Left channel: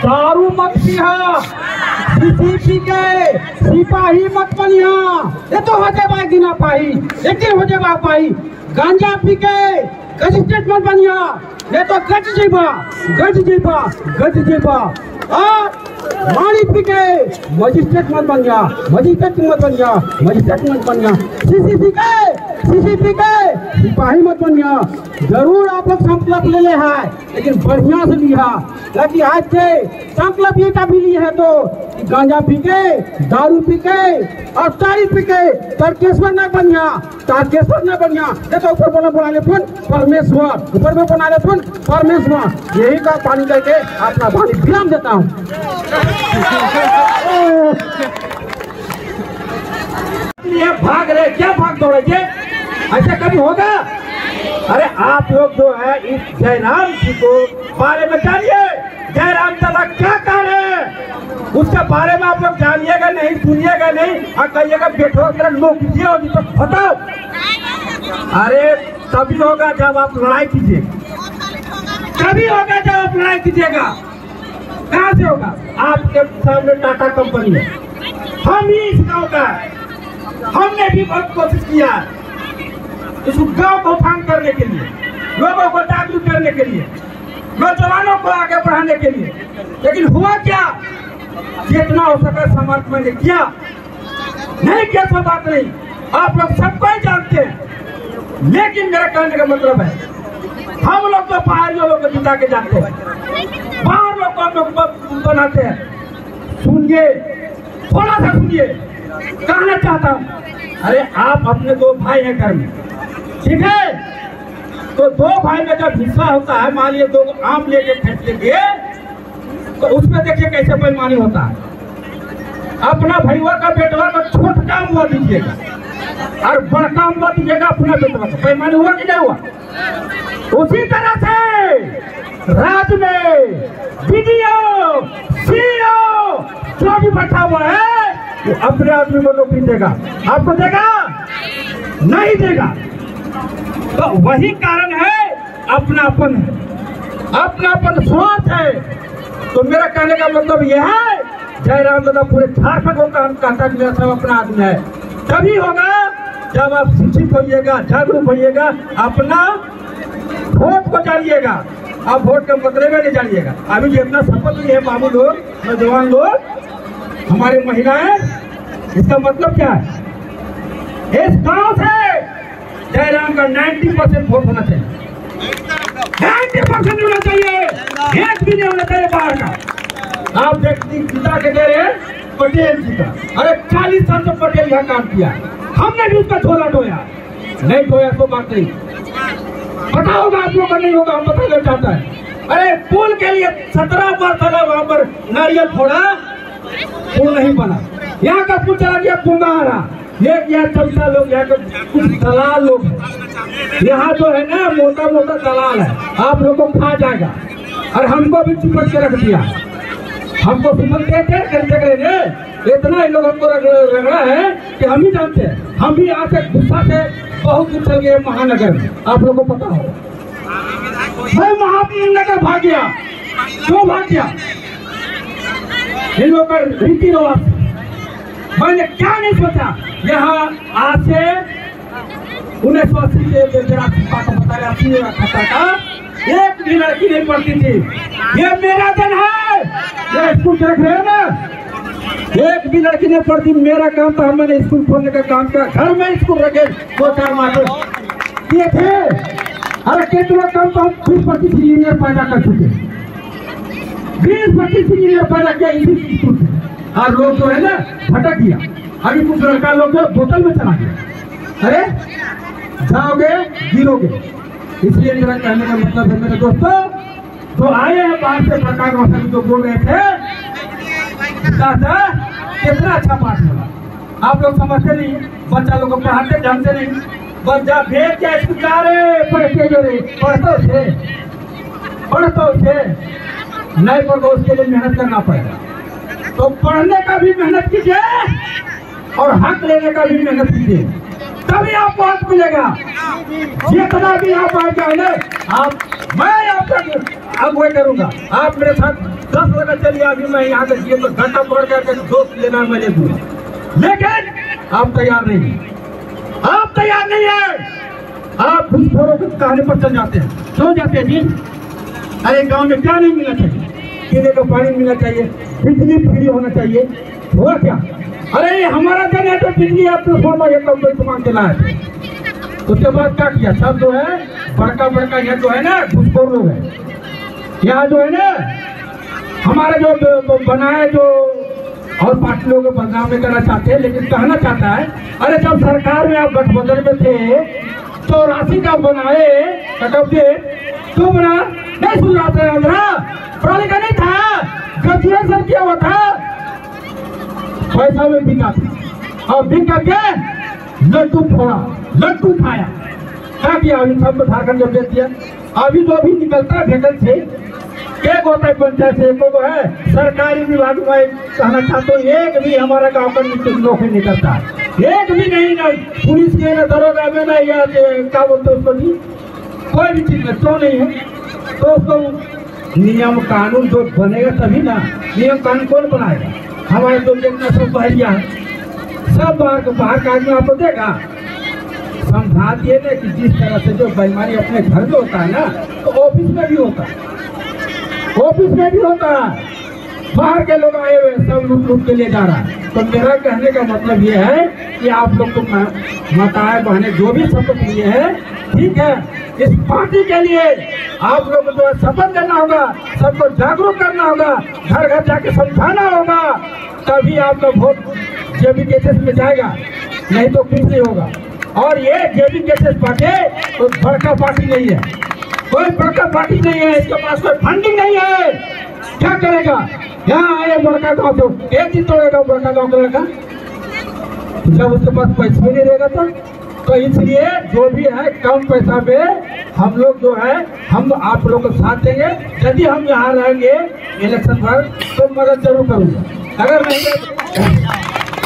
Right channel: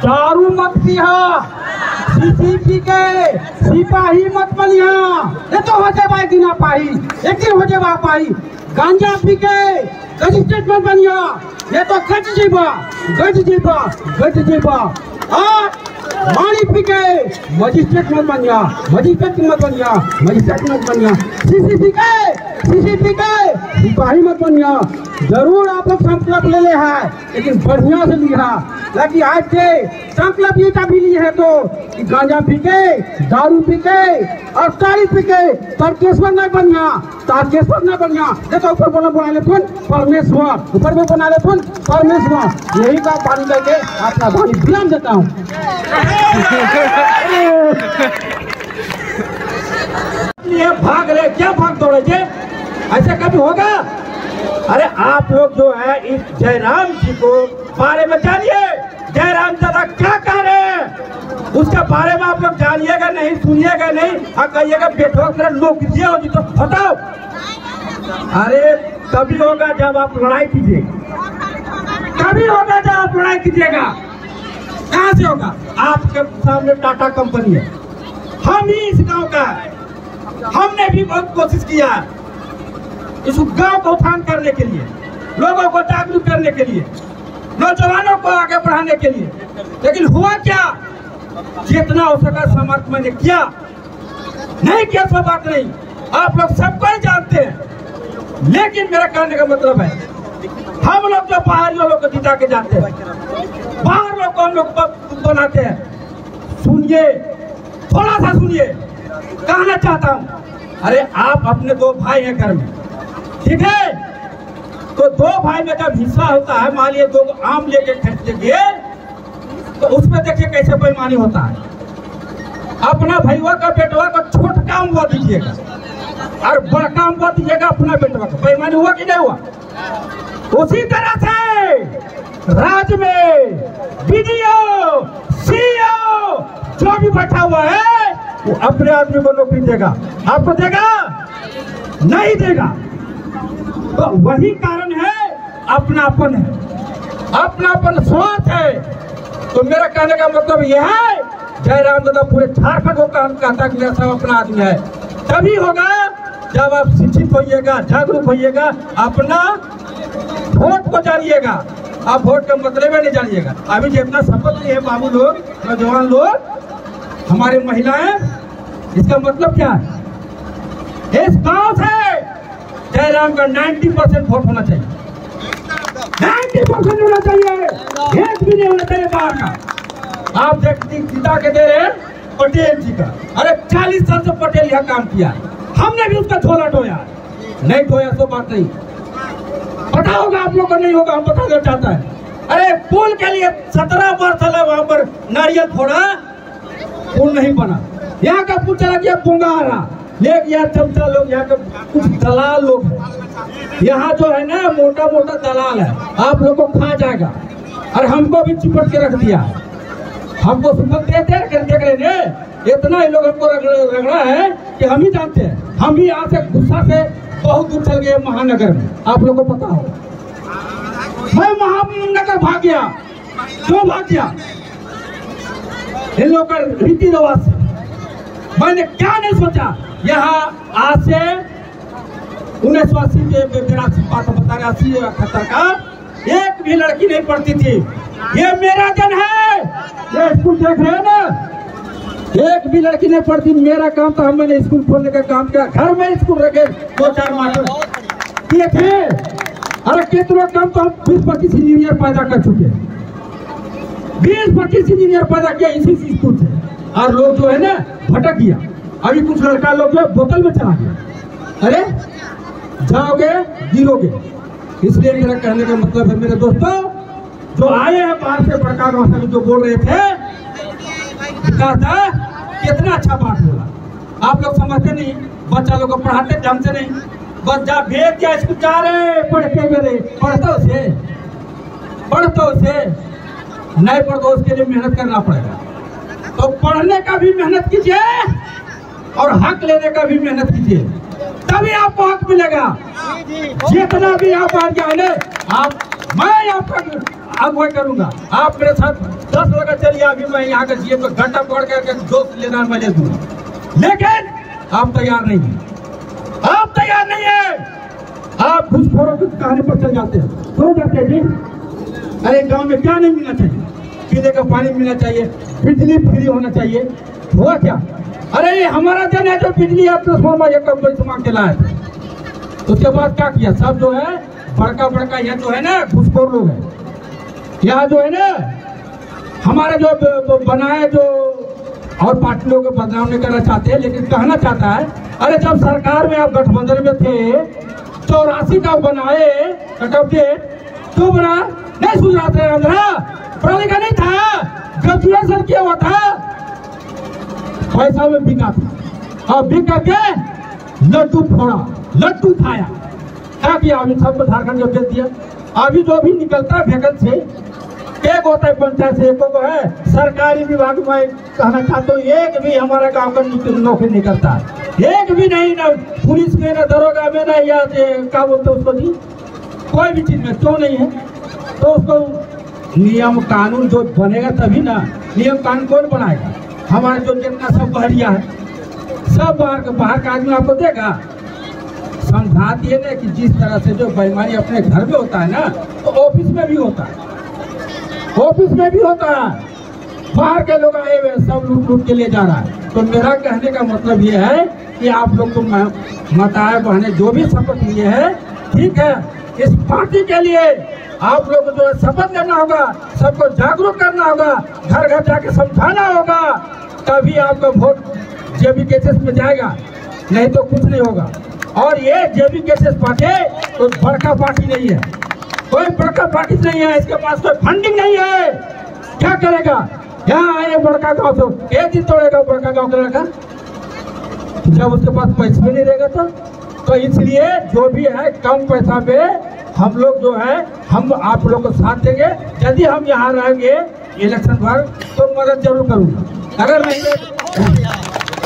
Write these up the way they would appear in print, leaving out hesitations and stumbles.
दारू मत पिया, पी के सिपाही मत बनिया, ये तो हो जाए एक दिन पाई, एक दिन हो जाए पाई। गांजा पी के मजिस्ट्रेट मत बनिया, ये तो गज जीवा। मानी पी के मजिस्ट्रेट मत बनिया, मजिस्ट्रेट मत बनिया। सीसी पी के सिपाही मत बनिया। जरूर आप लोग संकल्प ले ले है, लेकिन बढ़िया से लिया, ताकि आज के संकल्प ये भी ली है तो गांजा पी के, दारू पी के और तारी पी के तारकेश्वर न बनिया। ये तो ऊपर बना ले फुल परमेश्वर, ऊपर में बना ले फुल परमेश्वर। यही का पानी करके आपका वाणी विराम देता हूँ। ये भाग रहे, क्या भाग दौड़े, ऐसा कभी होगा? अरे आप लोग जो है इस जयराम जी को बारे में जानिए, जयराम दादा क्या कह रहे हैं उसके बारे में आप लोग जानिएगा नहीं, सुनिएगा नहीं और कहिएगा बैठो कर लोग होगी तो बताओ। अरे तभी होगा जब आप लड़ाई कीजिएगा, तभी होगा जब आप लड़ाई कीजिएगा। कहाँ से होगा? आपके सामने टाटा कंपनी है, हम ही इस गाँव का, हमने भी बहुत कोशिश किया इस गांव को उठान करने के लिए, लोगों को जागरूक करने के लिए, नौजवानों को आगे बढ़ाने के लिए, लेकिन हुआ क्या? जितना हो सका समर्थ मैंने किया, नहीं किया तो बात नहीं, आप लोग सबको ही जानते हैं। लेकिन मेरा कहने का मतलब है हम लोग तो बाहर लोग को बिता के जाते हैं, बाहर लोग को हम लोग बनाते हैं। सुनिए, थोड़ा सा सुनिए, कहना चाहता हूँ। अरे आप अपने दो भाई हैं घर में, ठीक है, तो दो भाई में जब हिस्सा होता है, मान लीजिए दो आम लेके खरीद लेंगे तो उसमें देखिए कैसे बेईमानी होता है। अपना भैया का बेटवा का छोटा हुआ दीजिएगा और बड़ा हुआ दीजिएगा अपना बेटवा का, बेईमानी हुआ कि नहीं हुआ? उसी तरह से राज्य में बीडीओ, सीईओ जो भी बैठा हुआ है वो अपने आदमी को नौकरी देगा, आपको देगा? नहीं देगा। तो वही कारण है, अपनापन है, अपनापन स्वार्थ है। तो मेरा कहने का मतलब यह है, जयराम दादा पूरे झारखंड को कहता कि मेरा सब अपना आदमी है। तभी होगा जब आप शिक्षित होइएगा, जागरूक होइएगा, अपना वोट को जानिएगा। आप वोट का मतलब नहीं जानिएगा। अभी जितना शपथ लिए बाबू लोग, नौजवान लोग, हमारे महिलाएं, इसका मतलब क्या है? इस गांव से जयराम का 90% वोट होना चाहिए, 90% होना चाहिए, एक भी नहीं होना चाहिए बाहर का। आप पिता के दे रहे पटेल जी का, अरे 40 साल से पटेल यह काम किया, हमने भी उसका झोला ढोया, नहीं ढोया तो बात नहीं। पता होगा आप लोगों को, नहीं होगा, हम बताना चाहता है। अरे पुल के लिए 17 बार चला, वहां पर नारियल फोड़ा, पुल नहीं बना। यहाँ का पुल चला गया कुंगारा, एक यहाँ चमचा लोग, यहाँ के कुछ दलाल लोग हैं, यहाँ जो है ना मोटा मोटा दलाल है, आप लोग को खा जाएगा। और हमको भी चिपट के रख दिया, हमको सुमन देते देख रहे हैं, इतना ही लोग हमको रगड़ा है कि हम ही जानते हैं। हम भी यहाँ से गुस्सा से बहुत दूर चल गए महानगर में, आप लोगों को पता हो। मैं महानगर भाग गया, क्यों भाग गया? इन लोगों का रीति रिवाज, मैंने क्या नहीं सोचा। यहाँ आज से 1980 के 83 का एक भी लड़की नहीं पढ़ती थी। ये मेरा दिन है, ये स्कूल देख रहे हैं ना, एक भी लड़की नहीं पढ़ती। मेरा काम था, मैंने स्कूल खोलने का काम किया, घर में स्कूल रखे 2-4 मास्टर किए थे। अरे कितना काम तो हम 20-25 इंजीनियर पैदा कर चुके, 20-25 इंजीनियर पैदा किया इसी स्कूल से। और लोग जो है ना भटक गया, अभी कुछ लड़का लोग जो बोतल में चला गया। अरे जाओगे गिरोगे। इसलिए मेरा कहने का मतलब है मेरे दोस्तों, जो आए हैं बाहर से, प्रकाश वासन जो बोल रहे थे, कहा था कितना अच्छा पाठ होगा। आप लोग समझते नहीं, बच्चा लोग को पढ़ाते ढंग से नहीं, बच्चा भेज क्या स्कूल जा रहे पढ़ते हुए, पढ़ते उसे नहीं पढ़ो, उसके लिए मेहनत करना पड़ेगा। तो पढ़ने का भी मेहनत कीजिए और हक लेने का भी मेहनत कीजिए, तभी आपको हक मिलेगा। जितना भी आप आ जाए, आप मैं अब वही करूंगा। आप मेरे साथ 10 लगा चलिए, अभी मैं यहाँ का जीएम का घंटा तोड़ कर दोस्त लेना मैं ले दूंगा, लेकिन आप तैयार नहीं है, आप तैयार नहीं है। आप घुसखोरों के कहने पर चल जाते हैं। क्यों जाते हैं जी? अरे गांव में क्या नहीं मिलना चाहिए? पीने का पानी मिलना चाहिए, बिजली होना चाहिए, हुआ क्या? अरे हमारा जनरेटर बिजली ट्रांसफार्मर ये कोई सामान चलाया था, उसके बाद क्या किया? सब जो है बड़का यहाँ जो है ना घुसखोर लोग है, यहाँ जो है ना हमारे जो बनाए जो और पार्टी लोगों को बदनाम नहीं करना चाहते, लेकिन कहना चाहता है अरे जब सरकार में आप गठबंधन में थे 84 का बनाए क्यों बना? नहीं सुन रहा था, पढ़ाने का नहीं था, ग्रेजुएशन किया हुआ था, पैसा में बिका था और बिक करके लड्डू फोड़ा, लड्डू खाया। क्या किया? अभी सबको झारखंड जब दे दिया। अभी जो भी निकलता है वैकेंसी एक होता है पंचायत से, एक को है सरकारी विभाग में। कहना चाहता हूँ एक भी हमारा गाँव का नौकरी निकलता है, एक भी नहीं, ना पुलिस के, ना दरोगा में, ना या क्या बोलते उसको जी, कोई भी चीज में क्यों नहीं है? तो उसको नियम कानून जो बनेगा तभी ना। नियम कानून कौन बनाएगा? हमारे जो जितना सब बहरिया है, सब बाहर का आदमी आपको देगा। समझाती है ना कि जिस तरह से जो बेईमानी अपने घर में होता है ना, तो ऑफिस में भी होता है, ऑफिस में भी होता है। बाहर के लोग आए हुए सब लूट के ले जा रहा है। तो मेरा कहने का मतलब ये है कि आप लोग तो माताएं बहनें जो भी शपथ लिए है, ठीक है, इस पार्टी के लिए आप लोग को जो शपथ देना होगा, सबको जागरूक करना होगा, घर घर जाके समझाना होगा, तभी आपका वोट जेबी केसेस में जाएगा, नहीं तो कुछ नहीं होगा। और ये जेबी केसेस पार्टी तो बड़का पार्टी नहीं है, कोई बड़का पार्टी नहीं है, इसके पास कोई फंडिंग नहीं है। क्या करेगा? यहाँ आए बड़का गाँव से एक दिन तोड़ेगा बड़का गाँव करेगा, जब उसके पास पैसा भी नहीं रहेगा तो इसलिए जो भी है कम पैसा पे हम लोग जो है हम आप लोग को साथ देंगे। यदि हम यहाँ रहेंगे इलेक्शन भर तो मदद जरूर करूँगा, अगर नहीं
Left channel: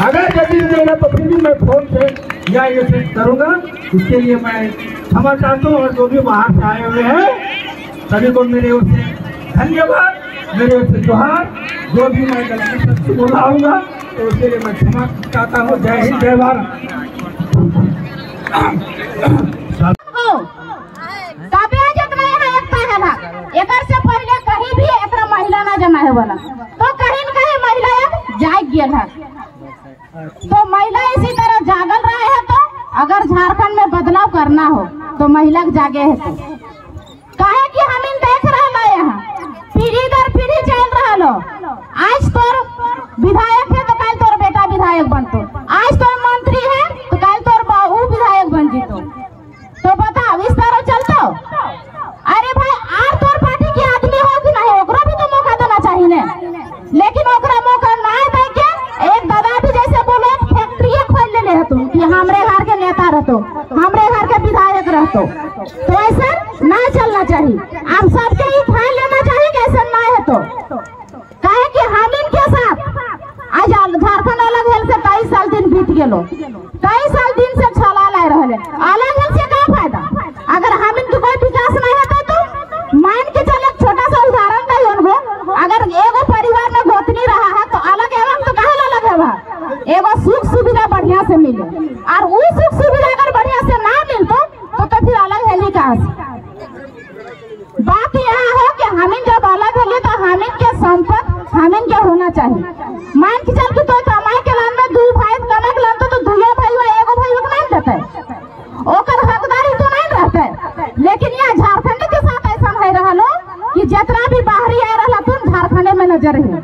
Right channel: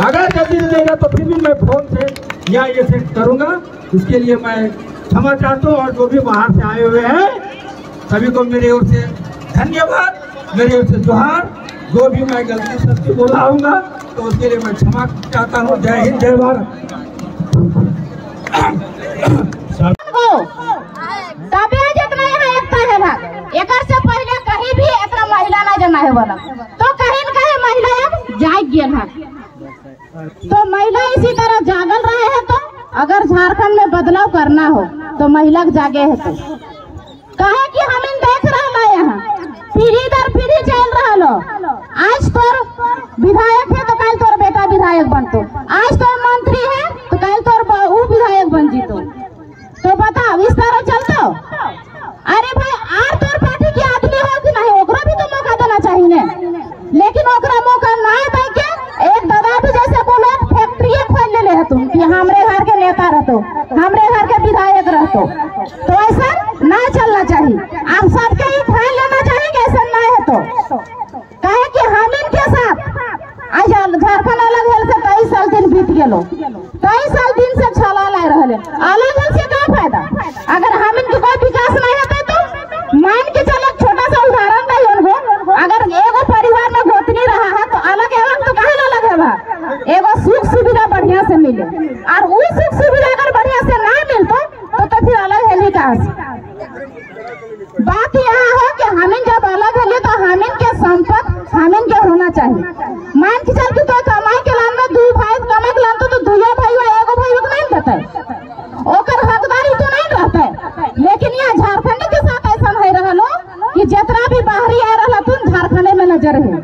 अगर यदि देगा तो फिर भी मैं फोन से या ये से करूँगा। इसके लिए मैं क्षमा चाहता हूँ, और जो भी बाहर से आए हुए हैं सभी को मेरे ओर से धन्यवाद, मेरे ओर से जोहार। जो भी मैं गलती सच्ची बोलाऊंगा तो उसके लिए मैं क्षमा चाहता हूँ। जय हिंद, जय भारत। जितना यहाँ एकता है भाग, एक से पहले कहीं भी इतना महिला न जमा है वाला, तो कहीं न कहीं महिला अब जाग गया है। तो महिला इसी तरह जागल रहे हैं। तो अगर झारखंड में बदलाव करना हो तो महिला जागे है। तो कहे कि हम इन देख रहा है यहाँ पीढ़ी दर पीढ़ी चल रहा लो, आज तोर विधायक है तो कल तोर बेटा विधायक बनतो, आज तोर मंत्री है तो कल तोर बहू विधायक बन जीतो। तो बताओ इस तरह चलतो? अरे भाई आर तोर पार्टी के आदमी हो कि नहीं, ओकरा भी तो मौका देना चाहिए ने। लेकिन ओकरा मौका ना दे के एक दादा भी जैसे बोलो फैक्ट्री खोल ले तुम कि हमरे घर के नेता रहतो, हमरे घर के विधायक रहतो, तो ऐसा ना चलना चाहिए। आप सबके ही ख्याल लेना चाहिए कि ऐसा ना है। तो कहे कि हम इनके साथ आज झारखंड अलग हेल से कई साल दिन बीत गए, कई साल दिन से छला ला रहे, अलग हेल से क्या फायदा? अगर हम इनके कोई विकास नहीं होता तो मान के चले, छोटा सा उदाहरण नहीं उनको, अगर एगो परिवार में गोतनी रहा है तो अलग एवं तो कहा अलग है, एगो सुख सुविधा बढ़िया से मिले, और वो सुख सुविधा अगर बढ़िया से ना मिलतो तो फिर अलग हेली कहाँ से? बात यहाँ है कि हमिन जब अलग हेली तो हमिन के संपत्ति हमिन के होना चाहिए। मान के चल के तो कमाई के लान में 2 भाई कमाई के लान तो 2 भाई एगो भाई को नहीं देते, ओकर हकदारी तो नहीं रहते। लेकिन यहाँ झारखंड के साथ ऐसा नहीं रहा लो कि जितना भी बाहरी आ रहा तुम झारखंड में नजर है।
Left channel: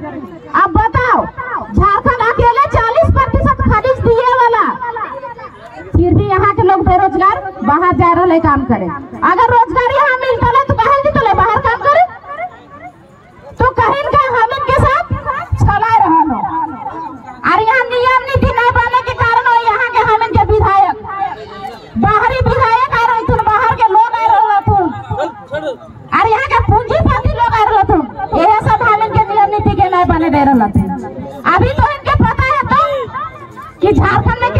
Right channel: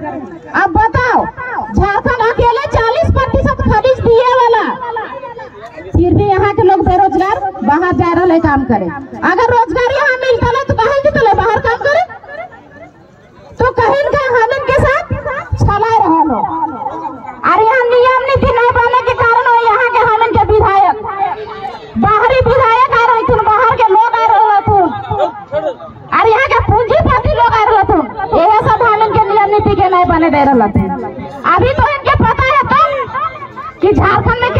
अब बताओ झारखंड अकेले 40% खरीद दिए वाला, फिर भी यहाँ के लोग बेरोजगार बाहर जा रहे काम करे। अगर रोजगार यहाँ मिलता है तो कहीं भी तो बाहर काम करे, तो कहीं का हम इनके साथ चला रहा लो। और यहाँ नियम नीति न बनने के कारण यहाँ के हम इनके विधायक बाहरी विधायक आ रहे थे, बाहर के लोग आ रहे थे, और यहाँ के पूंजीपति लोग आ रहे थे, यह सब हम इनके नियम नीति के नहीं बने दे रहे थे। अभी तो इनके पता है तो कि झारखंड में